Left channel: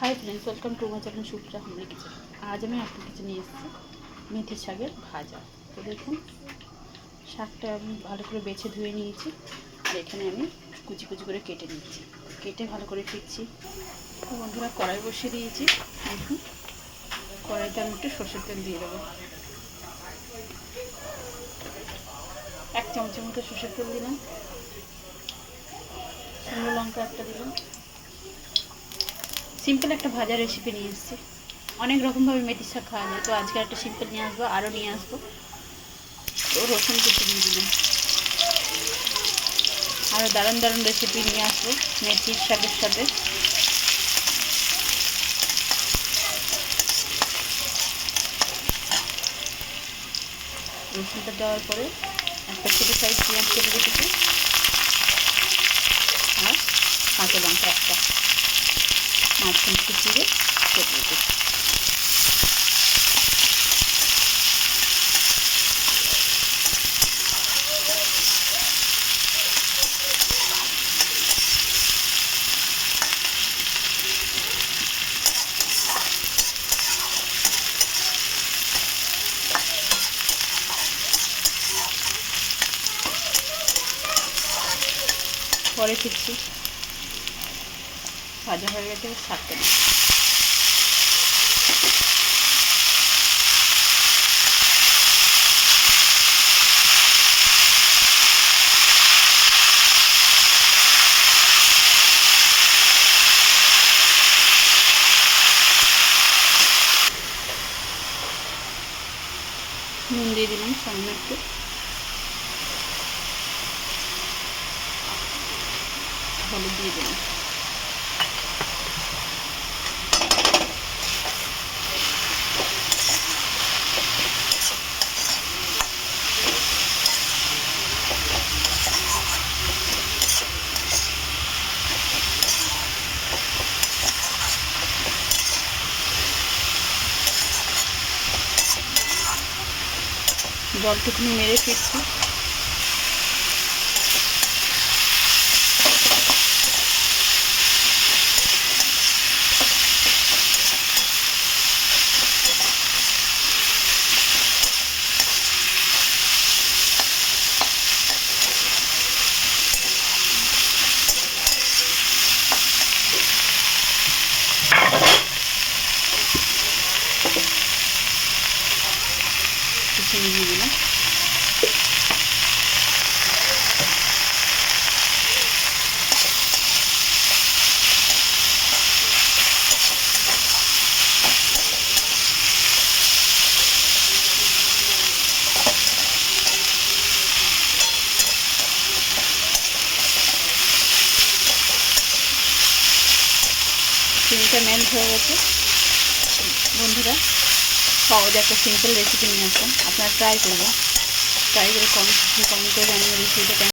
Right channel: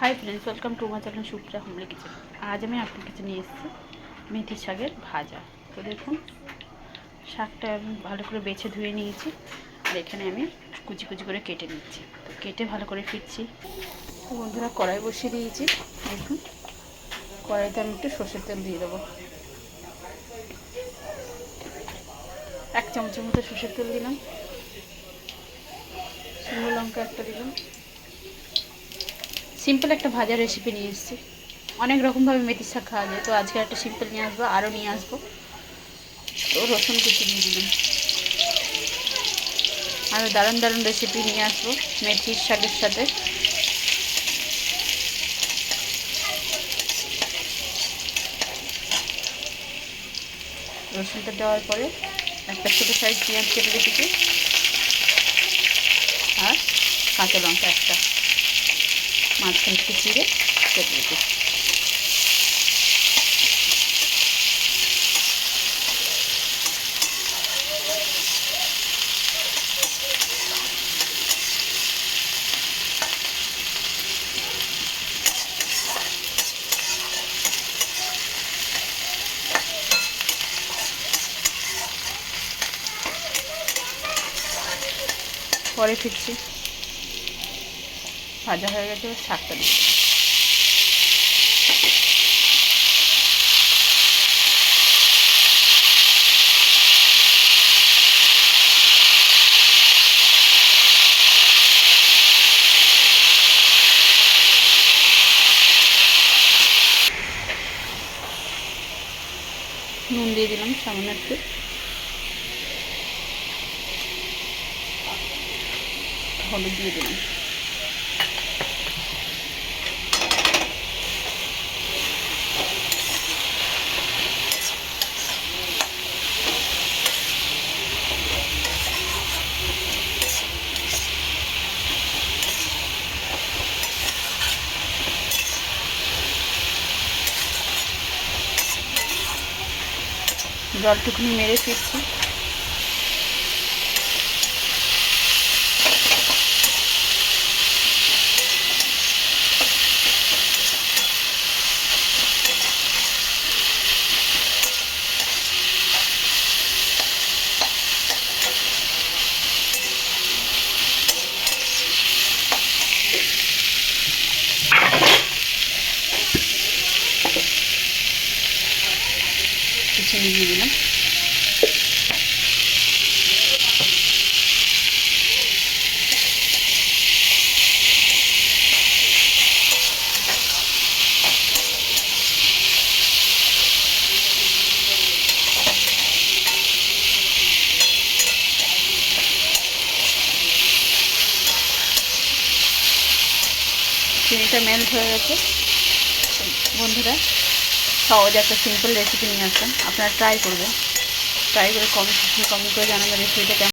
Hi friends, welcome to my channel Supriya homely kitchen. आज मैं आपके काছে নিয়ে এসেছি মেথি শাকের ভাজা। তো দেখুন, শাকটা আমি ভালো করে বেছে ধুয়ে নিয়েছি আর এখানে আমি কুচি কুচি করে কেটে নিচ্ছি। তো কেটে ভালো করে ফিরছি। তো বন্ধুরা, কড়াই বসিয়ে দিয়েছি। দেখুন, কড়াইতে আমি একটু সরষের তেল দিয়ে দেবো। 1 চামচের মতো সরষের তেল দিলাম। শুকনো লঙ্কা একটা দিলাম। সিম্পল একটা ভাজা রেসিপি নিয়ে এসেছি। অনেক রকমভাবে মেথি শাক খাওয়া যায়, তো আজকে একটা সিম্পল নিয়ে আসবো, আরও নিয়ে আসবো। তো রসুন কুচি দিয়ে দিলাম। আরও দারুণ দারুণ রেসিপি নিয়ে আসবো মেথির শাকের সাথে। রসুনটা দেওয়ার পরে একটা ছোটো সাইজ পেঁয়াজ কেটে রেখেছি আর কাঁচা লঙ্কা একটা মাঝখান থেকে চিড়ে কেটে রেখেছি। পরে ফিরছি, ভাজা হয়ে গেছে, শাকটা দিই। নুন দিয়ে দিলাম সামান্য একটু। হলুদ দিয়ে দিলাম। জলটুকুনি মেরে ফিরছি। চিনি দিয়ে দিলাম। চিনিটা মেল্ট হয়ে গেছে। বন্ধুরা, সহজ একটা সিম্পল রেসিপি নিয়ে আসবেন, আপনারা ট্রাই করবেন। ট্রাই করে কমেন্ট করে জানাবেন রেসিপিটা কেমন।